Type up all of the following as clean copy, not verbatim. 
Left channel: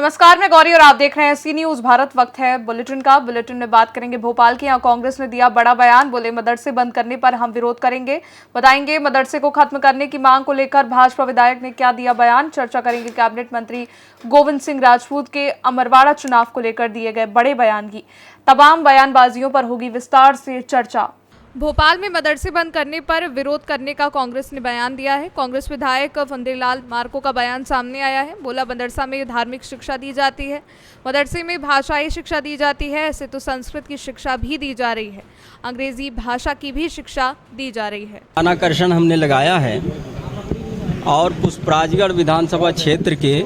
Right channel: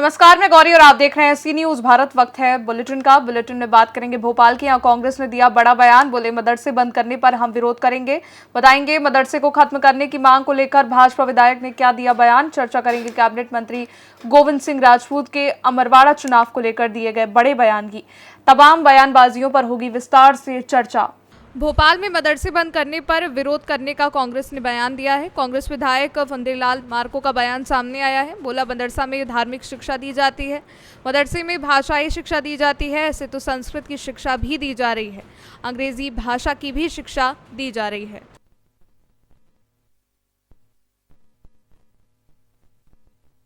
नमस्कार, मैं गौरी और आप देख रहे हैं सी न्यूज भारत। वक्त है बुलेटिन का। बुलेटिन में बात करेंगे भोपाल की। यहाँ कांग्रेस ने दिया बड़ा बयान, बोले मदरसे बंद करने पर हम विरोध करेंगे। बताएंगे मदरसे को खत्म करने की मांग को लेकर भाजपा विधायक ने क्या दिया बयान। चर्चा करेंगे कैबिनेट मंत्री गोविंद सिंह राजपूत के अमरवाड़ा चुनाव को लेकर दिए गए बड़े बयान की। तमाम बयानबाजियों पर होगी विस्तार से चर्चा। भोपाल में मदरसे बंद करने पर विरोध करने का कांग्रेस ने बयान दिया है। कांग्रेस विधायक फंदेलाल मार्को का बयान सामने आया है। बोला मदरसा में धार्मिक शिक्षा दी जाती है, मदरसे में भाषाई शिक्षा दी जाती है, ऐसे तो संस्कृत की शिक्षा भी दी जा रही है, अंग्रेजी भाषा की भी शिक्षा दी जा रही है। आकर्षण हमने लगाया है और पुष्पराजगढ़ विधानसभा क्षेत्र के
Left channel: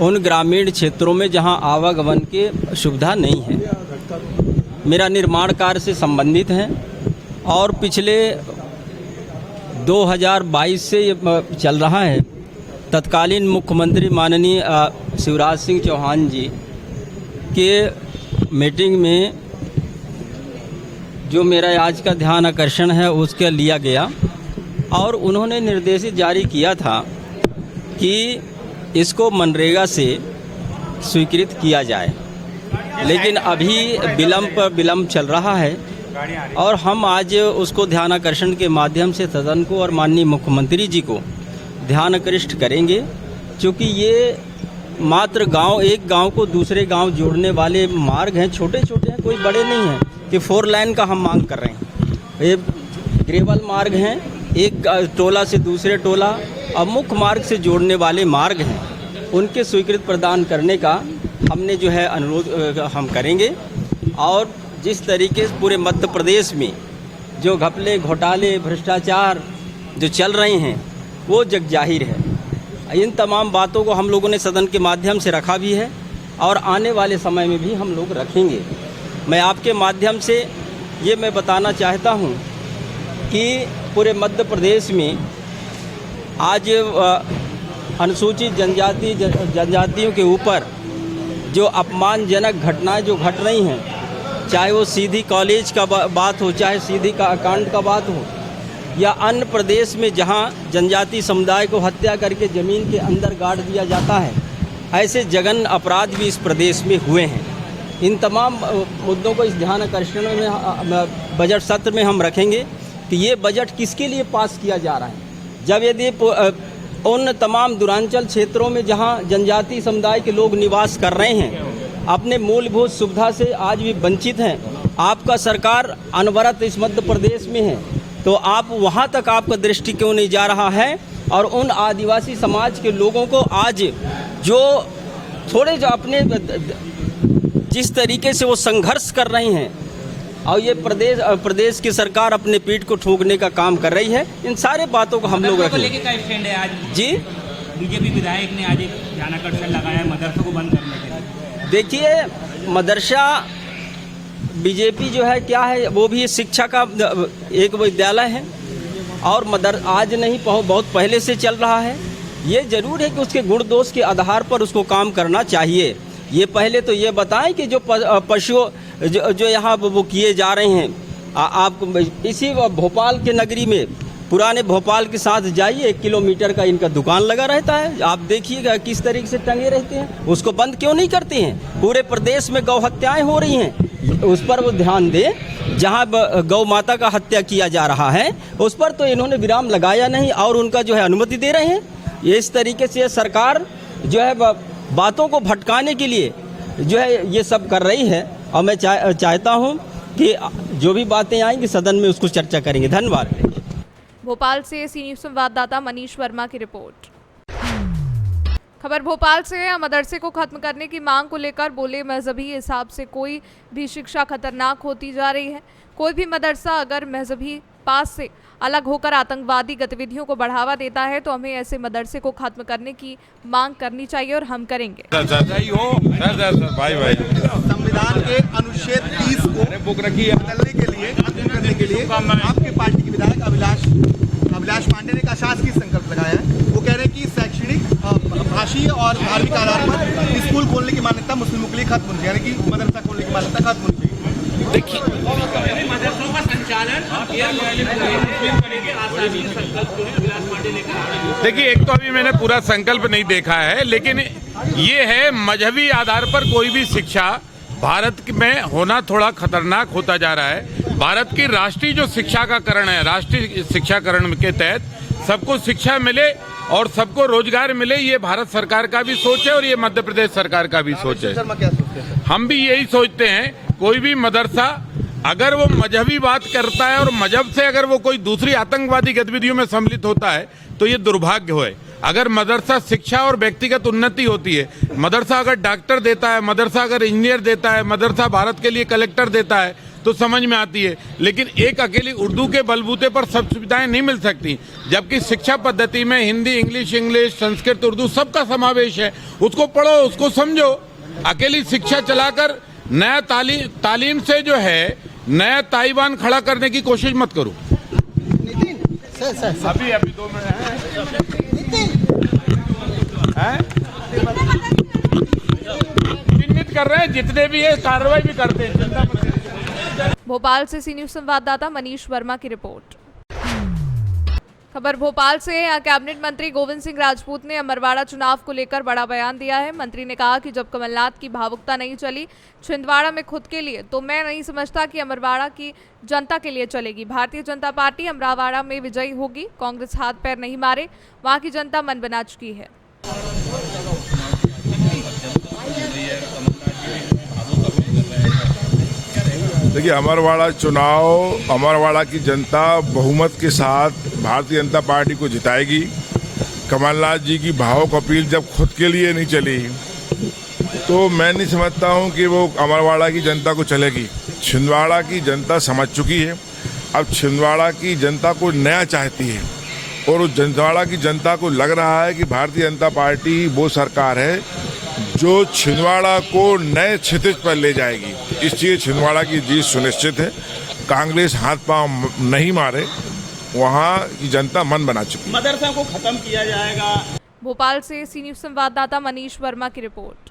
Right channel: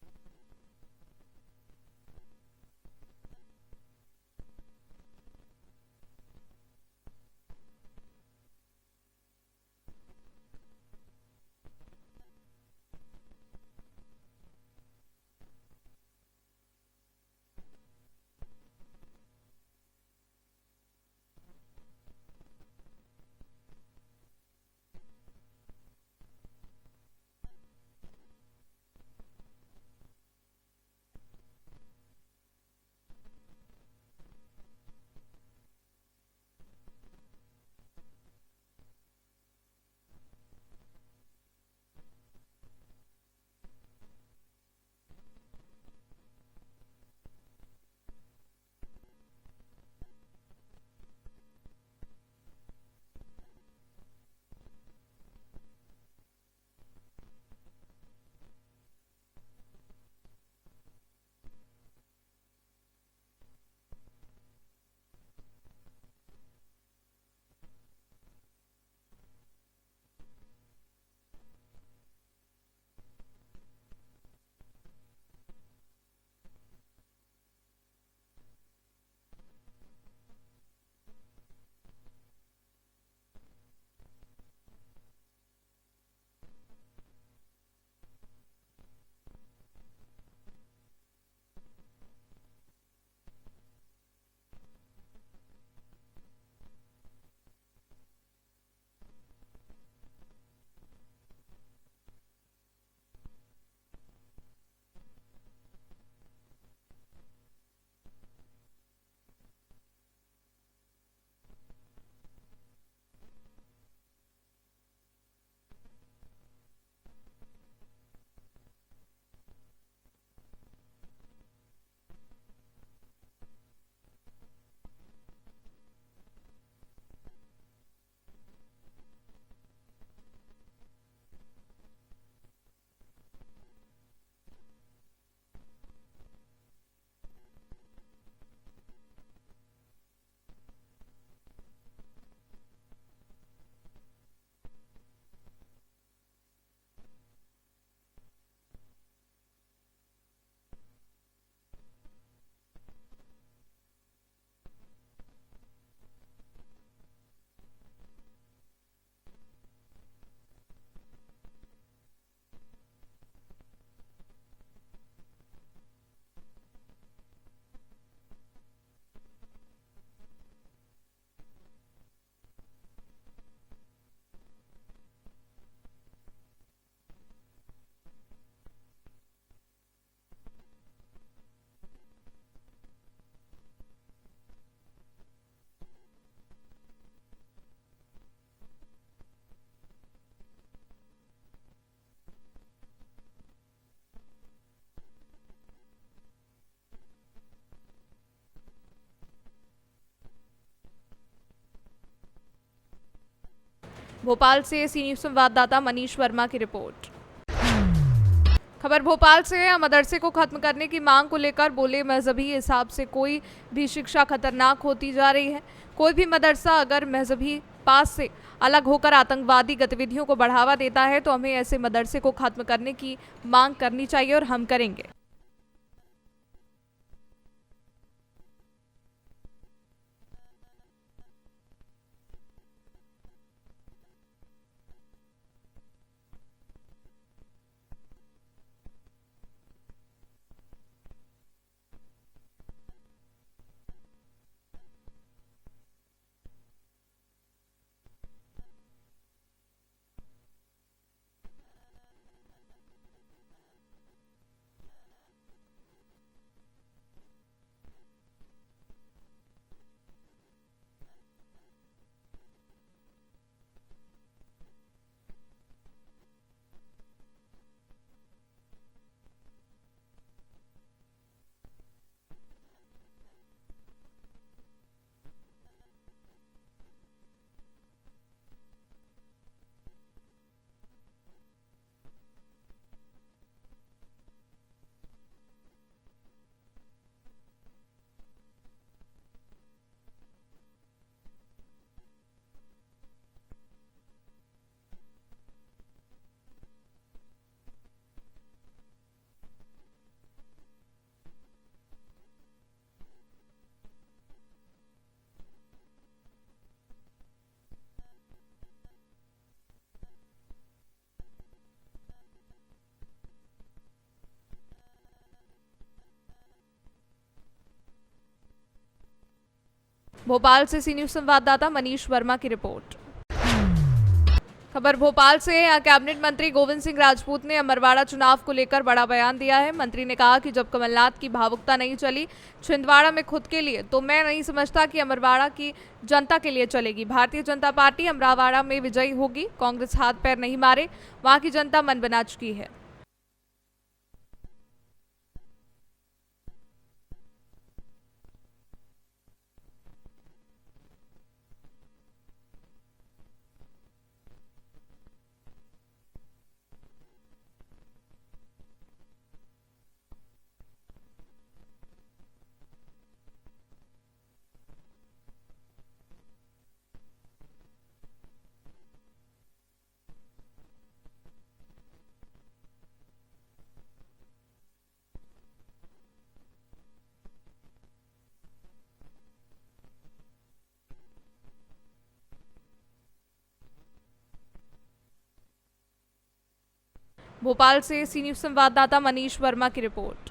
उन ग्रामीण क्षेत्रों में जहां आवागमन की सुविधा नहीं है, मेरा निर्माण कार्य से संबंधित है और पिछले 2022 से ये चल रहा है। तत्कालीन मुख्यमंत्री माननीय शिवराज सिंह चौहान जी के मीटिंग में जो मेरा आज का ध्यान आकर्षण है उसके लिया गया और उन्होंने निर्देश जारी किया था कि इसको मनरेगा से स्वीकृत किया जाए, लेकिन अभी विलम्ब चल रहा है और हम आज उसको ध्यानाकर्षण के माध्यम से सदन को और माननीय मुख्यमंत्री जी को ध्यानाकृष्ट करेंगे, क्योंकि ये मात्र एक गांव को दूसरे गांव जोड़ने वाले मार्ग हैं, छोटे छोटे हैं, कोई बड़े नहीं हैं कि 4 लाइन का हम मांग कर रहे हैं। ये ग्रेवल मार्ग हैं, एक टोला से दूसरे टोला और मुख्य मार्ग से जोड़ने वाले मार्ग हैं, उनके स्वीकृत प्रदान करने का हमने जो है अनुरोध हम करेंगे। और जिस तरीके से पूरे मध्य प्रदेश में जो घपले घोटाले भ्रष्टाचार जो चल रहे हैं वो जग जाहिर है। इन तमाम बातों को हम लोगों ने सदन के माध्यम से रखा भी है और आने वाले समय में भी हम लोग रखेंगे। मैं आपके माध्यम से ये मैं बताना चाहता हूँ कि पूरे मध्य प्रदेश में आज अनुसूचित जनजातियों के ऊपर जो अपमानजनक घटनाएं जो घट रही हैं, चाहे वो सीधी कॉलेज का बात हो, चाहे सीधी का कांड का बात हो, या अन्य प्रदेश में जहां जनजाति समुदाय को हत्या करके ज़मीन के अंदर गाड़ दिया जाता है, ऐसे जघन्य अपराध भी इस प्रदेश में हुए हैं। इन तमाम मुद्दों को इस ध्यान आकर्षण में बजट सत्र में हम रखेंगे कि ये बजट किसके लिए पास किया जा रहा है। जब यदि उन तमाम दूरांचल क्षेत्रों में जहां जनजाति समुदाय के लोग निवास कर रहे हैं, अपने मूलभूत सुविधा से आज भी वंचित हैं, आपका सरकार अनवरत इस मध्य प्रदेश में है, तो आप वहां तक आपका दृष्टि क्यों नहीं जा रहा है। और उन आदिवासी समाज के लोगों को आज जो थोड़े जो अपने जिस तरीके से वो संघर्ष कर रहे हैं और ये प्रदेश की सरकार अपने पीठ को ठोकने का काम कर रही है, इन सारे बातों को हम लोग रखेंगे। जी, बीजेपी विधायक ने आज एक ध्यानाकर्षण लगाया मदरसों को बंद करने के लिए। देखिए, मदरसा बीजेपी जो है क्या है, वो भी शिक्षा का एक विद्यालय है और आज नहीं बहुत पहले से चल रहा है। ये जरूर है कि उसके गुण दोष के आधार पर उसको काम करना चाहिए। ये पहले तो ये बताएं कि जो पशु जो यहाँ वो किए जा रहे हैं, आप इसी भोपाल के नगरी में पुराने भोपाल के साथ जाइए, 1 किलोमीटर का इनका दुकान लगा रहता है, आप देखिएगा किस तरीके से टंगे रहते हैं। उसको बंद क्यों नहीं करते हैं। पूरे प्रदेश में गौ हत्याएं हो रही हैं, उस पर वो ध्यान दें। जहां गौ माता का हत्या किया जा रहा है उस पर तो इन्होंने विराम लगाया नहीं और उनका जो है अनुमति दे रहे हैं। ये इस तरीके से सरकार जो है बातों को भटकाने के लिए जो है ये सब कर रही है और मैं चाहता हूँ कि जो भी बातें आएंगी सदन में उसको चर्चा करेंगे। धन्यवाद। भोपाल से सी न्यूज संवाददाता मनीष वर्मा की रिपोर्ट। खबर भोपाल से है। मदरसे को खत्म करने की मांग को लेकर बोले मजहबी हिसाब से कोई भी शिक्षा खतरनाक होती जा रही है। कोई भी मदरसा अगर मजहबी पास से अलग होकर आतंकवादी गतिविधियों को बढ़ावा देता है तो हमें ऐसे मदरसे को खत्म करने की मांग करनी चाहिए और हम करेंगे। संविधान के अनुच्छेद 30 को बदलने के लिए आपके पार्टी के विधायक अभिलाष पांडे ने एक अशासकीय संकल्प लगाया है। वो कह रहे हैं कि शैक्षणिक, भाषीय और धार्मिक आधार पर स्कूल खोलने की मान्यता मुस्लिमों के लिए खत्म होनी चाहिए, यानी कि मदरसा खोलने की मान्यता खत्म होनी चाहिए। देखिए, मदरसों का संचालन देखिए, एक तो अभी मैंने पूरा संकल्प नहीं देखा है, लेकिन ये है मजहबी आधार पर कोई भी शिक्षा भारत में होना थोड़ा खतरनाक होता जा रहा है। भारत की राष्ट्रीय जो शिक्षा का करण है, राष्ट्रीय शिक्षाकरण के तहत सबको शिक्षा मिले और सबको रोजगार मिले, ये भारत सरकार का भी सोच है और ये मध्य प्रदेश सरकार का भी सोच है। हम भी यही सोचते हैं, कोई भी मदरसा अगर वो मजहबी बात करता है और मजहब से अगर वो कोई दूसरी आतंकवादी गतिविधियों में सम्मिलित होता है तो ये दुर्भाग्य है। अगर मदरसा शिक्षा और व्यक्तिगत उन्नति होती है, मदरसा अगर डॉक्टर देता है, मदरसा अगर इंजीनियर देता है, मदरसा भारत के लिए कलेक्टर देता है तो समझ में आती है। लेकिन एक अकेली उर्दू के बलबूते पर सब सुविधाएं नहीं मिल सकती, जबकि शिक्षा पद्धति में हिंदी, इंग्लिश, संस्कृत, उर्दू सबका समावेश है। उसको पढ़ो, उसको समझो। अकेली शिक्षा चलाकर नया तालीम से जो है नया ताइवान खड़ा करने की कोशिश मत करो। अभी 2 मिनट है, चिन्हित कर रहे हैं, जितने भी है कार्रवाई भी करते हैं। भोपाल से सी न्यूज संवाददाता मनीष वर्मा की रिपोर्ट। खबर भोपाल से। यहाँ कैबिनेट मंत्री गोविंद सिंह राजपूत ने अमरवाड़ा चुनाव को लेकर बड़ा बयान दिया है। मंत्री ने कहा कि जब कमलनाथ की भावुकता नहीं चली छिंदवाड़ा में खुद के लिए, तो मैं नहीं समझता कि अमरवाड़ा की जनता के लिए चलेगी। भारतीय जनता पार्टी अमरवाड़ा में विजयी होगी। कांग्रेस हाथ पैर नहीं मारे, वहाँ की जनता मन बना चुकी है। देखिए, अमरवाड़ा चुनाव, अमरवाड़ा की जनता बहुमत के साथ भारतीय जनता पार्टी को जिताएगी। कमलनाथ जी की भावुक अपील जब खुद के लिए नहीं चली तो मैं नहीं समझता हूं कि वो अमरवाड़ा की जनता को चलेगी। छिंदवाड़ा की जनता समझ चुकी है। अब छिंदवाड़ा की जनता को नया चाहती है और उस छिंदवाड़ा की जनता को लग रहा है कि भारतीय जनता पार्टी वो सरकार है जो छिंदवाड़ा को नए क्षितिज पर ले जाएगी। इसलिए छिंदवाड़ा की जीत सुनिश्चित है। कांग्रेस हाथ पांव नहीं मारे, वहाँ की जनता मन बना चुकी है। मदरसा को खत्म किया जाएगा। भोपाल से सी न्यूज संवाददाता मनीष वर्मा की रिपोर्ट।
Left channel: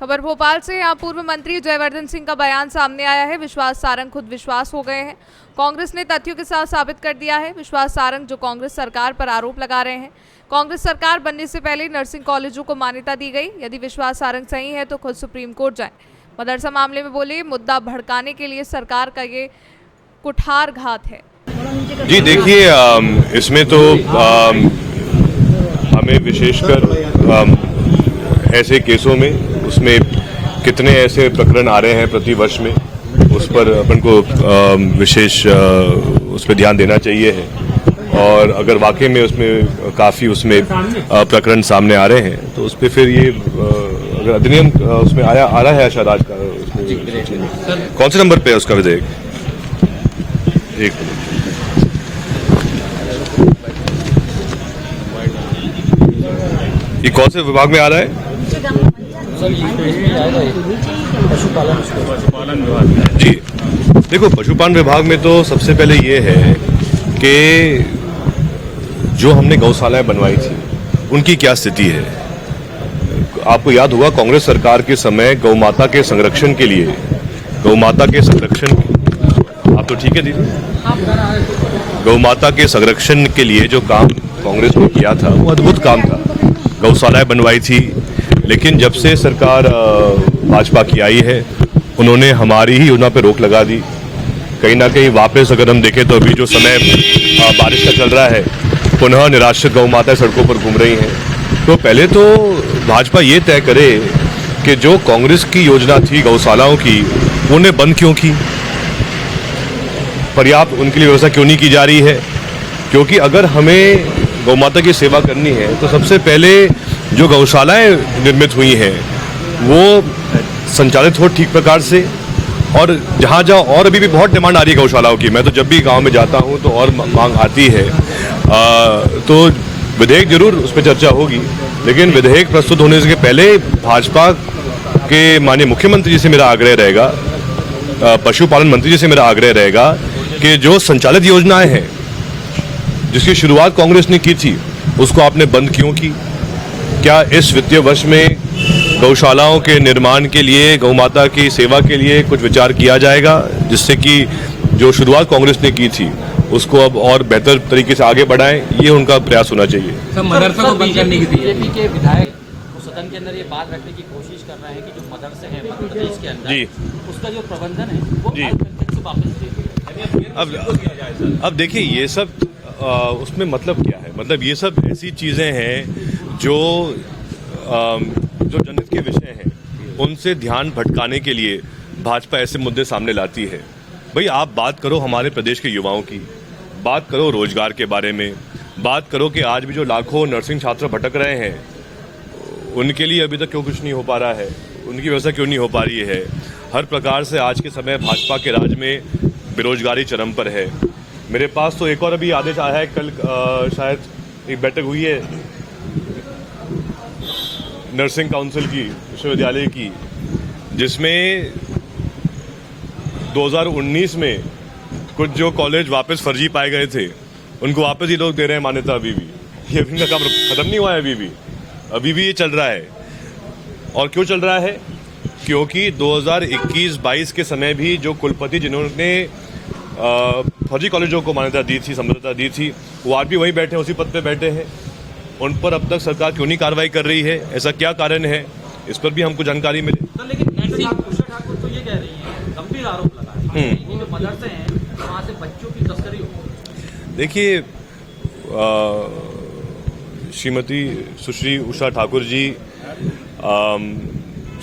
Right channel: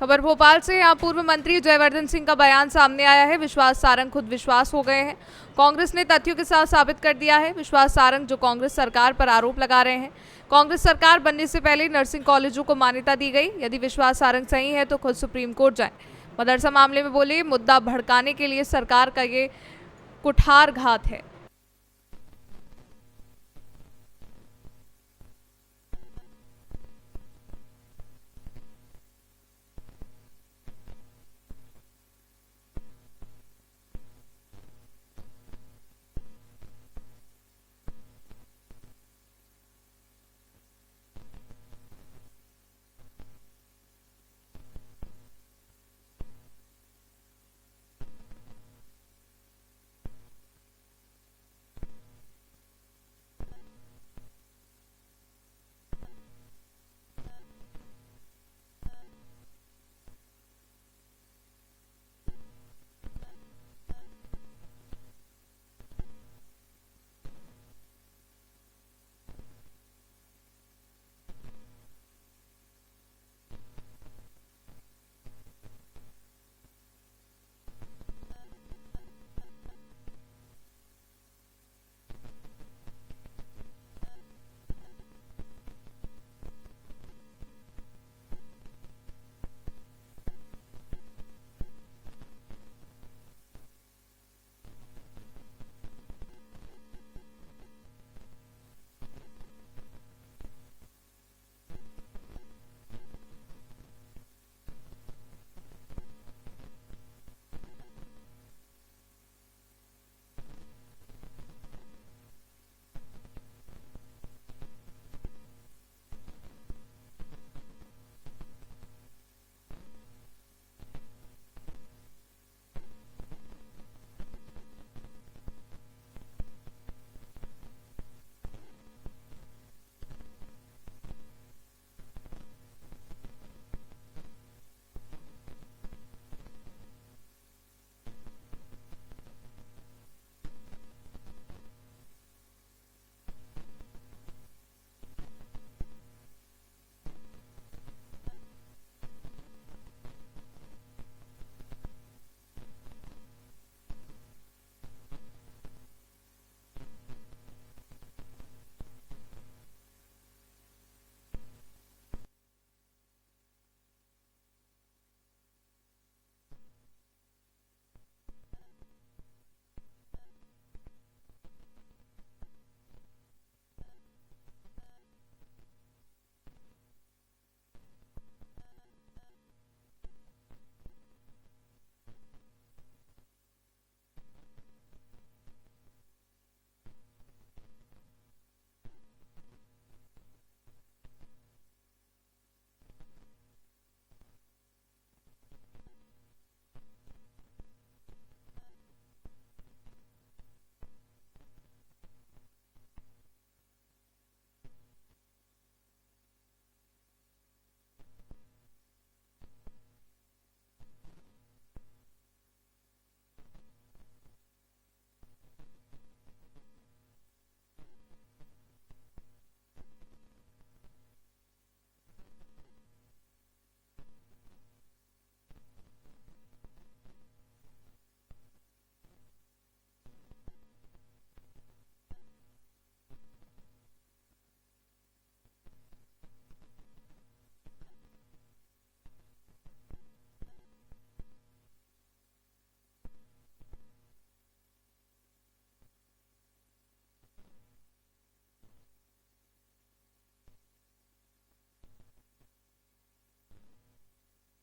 खबर भोपाल से। यहाँ पूर्व मंत्री जयवर्धन सिंह का बयान सामने आया है। विश्वास सारंग खुद विश्वास हो गए हैं। कांग्रेस ने तथ्यों के साथ साबित कर दिया है। विश्वास सारंग जो कांग्रेस सरकार पर आरोप लगा रहे हैं, कांग्रेस सरकार बनने से पहले नर्सिंग कॉलेजों को मान्यता दी गई। यदि विश्वास सारंग सही है तो खुद सुप्रीम कोर्ट जाएं। मदरसा मामले में बोले, मुद्दा भड़काने के लिए सरकार का ये कुठारघात है। जी देखिए, इसमें तो हमें विशेषकर ऐसे केसों में, उसमें कितने ऐसे प्रकरण आ रहे हैं प्रति वर्ष में, उस पर अपन को विशेष उस पर ध्यान देना चाहिए है। और अगर वाकई में उसमें काफ़ी उसमें प्रकरण सामने आ रहे हैं तो उस पर फिर ये अगर अधिनियम उसमें आ रहा है शायद आज का, कौन से नंबर पे है उसका विधेयक? एक ये कौन से विभाग में आ रहा है? जी देखो, पशुपालन विभाग में तो सबसे पहले ये है कि जो हमने गौशालाएं बनवाई थी उनकी क्या स्थिति है। आपको याद होगा कांग्रेस सरकार के समय गौ माता के संरक्षण के लिए, आप तो ठीक है दीदी, गौ माता के संरक्षण के लिए जो काम कांग्रेस ने किया था वो अद्भुत काम था। गौशालाएं बनवाई थी, लेकिन जब से सरकार भाजपा की आई है उन्होंने हमारी ही योजना पे रोक लगा दी। कहीं ना कहीं वापस अगर हम देखें तो अभी जो समय बारिश का चल रहा है, पुनः निराश्रित गौ माताएं सड़कों पर घूम रही हैं। तो पहले तो भाजपा ये तय करे कि जो कांग्रेस की योजना थी गौशालाओं की, उन्हें बंद क्यों की, पर्याप्त उनके लिए व्यवस्था क्यों नहीं की जा रही है। क्योंकि अगर हमें गौ माता की सेवा करनी है तो सबसे पहले जो गौशालाएं निर्मित हुई हैं वो संचालित हो ठीक प्रकार से, और जहाँ जहाँ और अभी भी बहुत डिमांड आ रही है गौशालाओं की। मैं तो जब भी गांव में जाता हूँ तो और मांग आती है। तो विधेयक जरूर उस पर चर्चा होगी, लेकिन विधेयक प्रस्तुत होने से पहले भाजपा के माननीय मुख्यमंत्री जी से मेरा आग्रह रहेगा, पशुपालन मंत्री जी से मेरा आग्रह रहेगा कि जो संचालित योजनाएं हैं जिसकी शुरुआत कांग्रेस ने की थी उसको आपने बंद क्यों की। क्या इस वित्तीय वर्ष में गौशालाओं के निर्माण के लिए, गौ माता की सेवा के लिए कुछ विचार किया जाएगा, जिससे कि जो शुरुआत कांग्रेस ने की थी उसको अब और बेहतर तरीके से आगे बढ़ाएं, ये उनका प्रयास होना चाहिए। सर, मदरसा को बंद करने की बीजेपी के विधायक सदन के अंदर ये बात रखने की कोशिश कर रहे हैं कि जो मदरसे हैं मध्य प्रदेश के अंदर जी। उसका जो प्रबंधन है वो जी। अल्पसंख्यक से वापस ले लिया। अब देखिए ये सब उसमें मतलब क्या है, मतलब ये सब ऐसी चीज़ें हैं जो जनहित के विषय हैं, उनसे ध्यान भटकाने के लिए भाजपा ऐसे मुद्दे सामने लाती है। भाई आप बात करो हमारे प्रदेश के युवाओं की, बात करो रोजगार के बारे में, बात करो कि आज भी जो लाखों नर्सिंग छात्र भटक रहे हैं उनके लिए अभी तक क्यों कुछ नहीं हो पा रहा है, उनकी व्यवस्था क्यों नहीं हो पा रही है। हर प्रकार से आज के समय भाजपा के राज में बेरोजगारी चरम पर है। मेरे पास तो एक और अभी आदेश आया है, कल शायद एक बैठक हुई है नर्सिंग काउंसिल की विश्वविद्यालय की, जिसमें 2019 में कुछ जो कॉलेज वापस फर्जी पाए गए थे उनको वापस ही लोग दे रहे हैं मान्यता। अभी भी ये अभी का काम खत्म नहीं हुआ है, अभी भी ये चल रहा है। और क्यों चल रहा है? क्योंकि 2021-22 के समय भी जो कुलपति जिन्होंने फर्जी कॉलेजों को मान्यता दी थी, समझौता दी थी, वो आज भी वहीं बैठे हैं, उसी पद पे बैठे हैं। उन पर अब तक सरकार क्यों नहीं कार्रवाई कर रही है, ऐसा क्या कारण है, इस पर भी हमको जानकारी मिले। तो लेकिन उषा ठाकुर तो ये कह रही है, गंभीर आरोप लगा है ये जो मदरसे हैं वहाँ से बच्चों की तस्करी हो। देखिए श्रीमती सुश्री उषा ठाकुर जी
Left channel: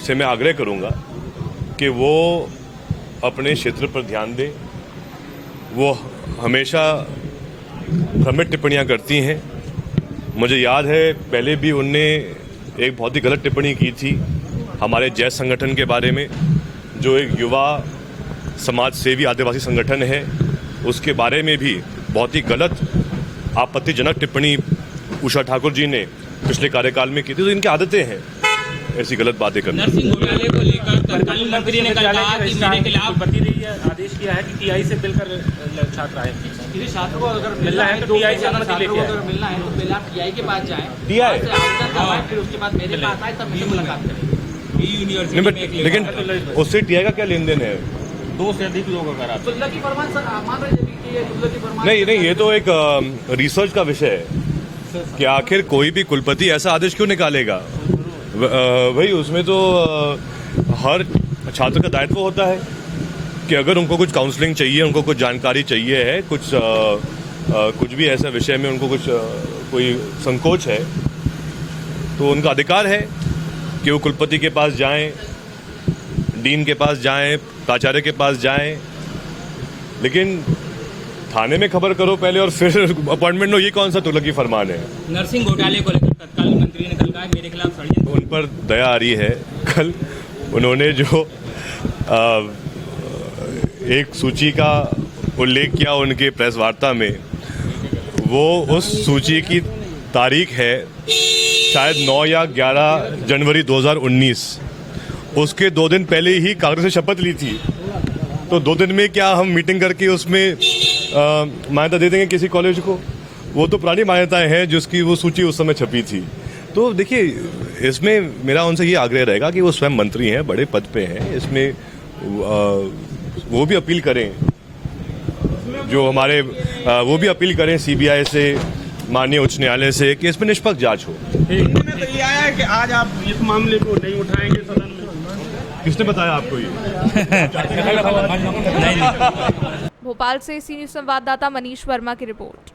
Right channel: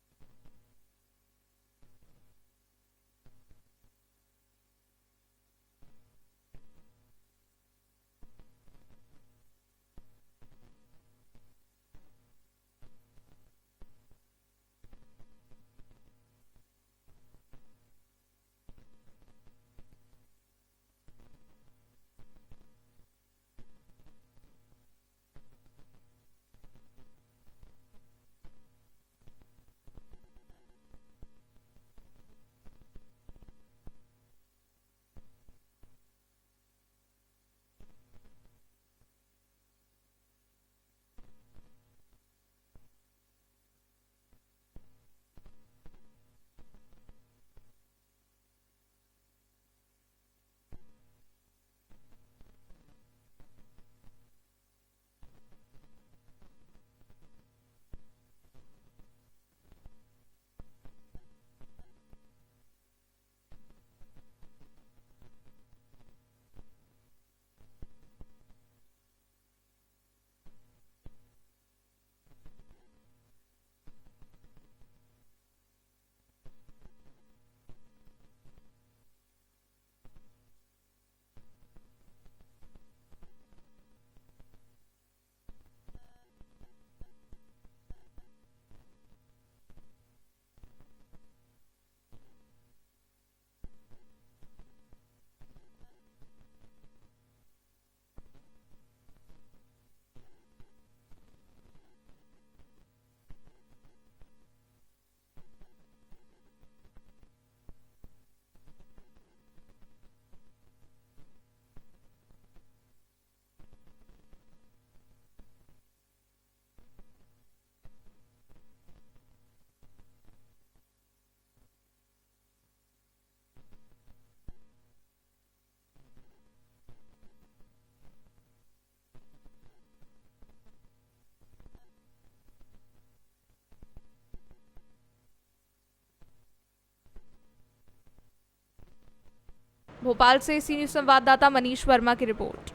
से मैं आग्रह करूंगा कि वो अपने क्षेत्र पर ध्यान दें। वो हमेशा भ्रमित टिप्पणियां करती हैं। मुझे याद है पहले भी उनने एक बहुत ही गलत टिप्पणी की थी हमारे जैस संगठन के बारे में, जो एक युवा समाज सेवी आदिवासी संगठन है, उसके बारे में भी बहुत ही गलत आपत्तिजनक टिप्पणी उषा ठाकुर जी ने पिछले कार्यकाल में की थी। तो इनकी आदतें हैं ऐसी गलत बातें करना। नर्सिंग घोटाले को लेकर तत्कालीन मंत्री ने कल कहा कि मेरे खिलाफ पति ने आदेश किया है कि टीआई से मिलकर छात्र आए। किसी छात्र को अगर मिलना है तो टीआई से अनुमति लेके आए। अगर मिलना है तो पहले आप टीआई के पास जाएं, टीआई फिर उसके बाद मेरे पास आए तब मुझे मुलाकात करें। लेकिन उससे टीआई का क्या लेन देन है? 2 से अधिक लोग अगर आप दुल्ला की फरमान सर मान रहे हैं कि ये दुल्ला की फरमान नहीं, ये तो एक रिसर्च का विषय है कि आखिर कोई भी कुलपति ऐसा आदेश क्यों निकालेगा। भाई उसमें तो हर छात्र का दायित्व होता है कि अगर उनको कुछ काउंसलिंग चाहिए, उनको कुछ जानकारी चाहिए है, कुछ भी ऐसा विषय में उनको कुछ कोई संकोच है, तो उनका अधिकार है कि वो कुलपति के पास जाएं, डीन के पास जाएं, प्राचार्य के पास जाएं। लेकिन थाने में खबर करो पहले और फिर अपॉइंटमेंट लो, ये कौन सा तुगलकी फरमान है? नर्सिंग घोटाले को लेकर तत्कालीन मंत्री ने कल कहा मेरे खिलाफ षड्यंत्र। उन पर दया आ रही है। कल उन्होंने जो एक सूची का उल्लेख किया उनके प्रेस वार्ता में, वो उस सूची की तारीख है शायद 9 या 11 जनवरी 2019। उसके 2 दिन पहले ही कांग्रेस ने शपथ ली थी। तो 2 दिन में क्या हम मीटिंग करके उसमें मान्यता दे देंगे किसी कॉलेज को? वो तो पुरानी मान्यताएं हैं जिसकी वो सूची उस समय छपी थी। तो देखिए इसमें मेरा उनसे ये आग्रह रहेगा कि वो स्वयं मंत्री हैं, बड़े पद पे हैं, इसमें वो भी अपील करें, जो हमारे वो भी अपील करें सीबीआई से, माननीय उच्च न्यायालय से, कि इसमें निष्पक्ष जांच हो। में तो ये आया है कि आज आप इस मामले को नहीं उठाएंगे सदन में। किसने बताया आपको ये? भोपाल से सी न्यूज़ संवाददाता मनीष वर्मा की रिपोर्ट।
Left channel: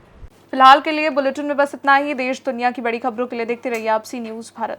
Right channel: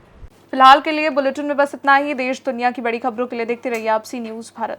फिलहाल के लिए बुलेटिन में बस इतना ही। देश दुनिया की बड़ी खबरों के लिए देखते रहिए आप सी न्यूज़ भारत।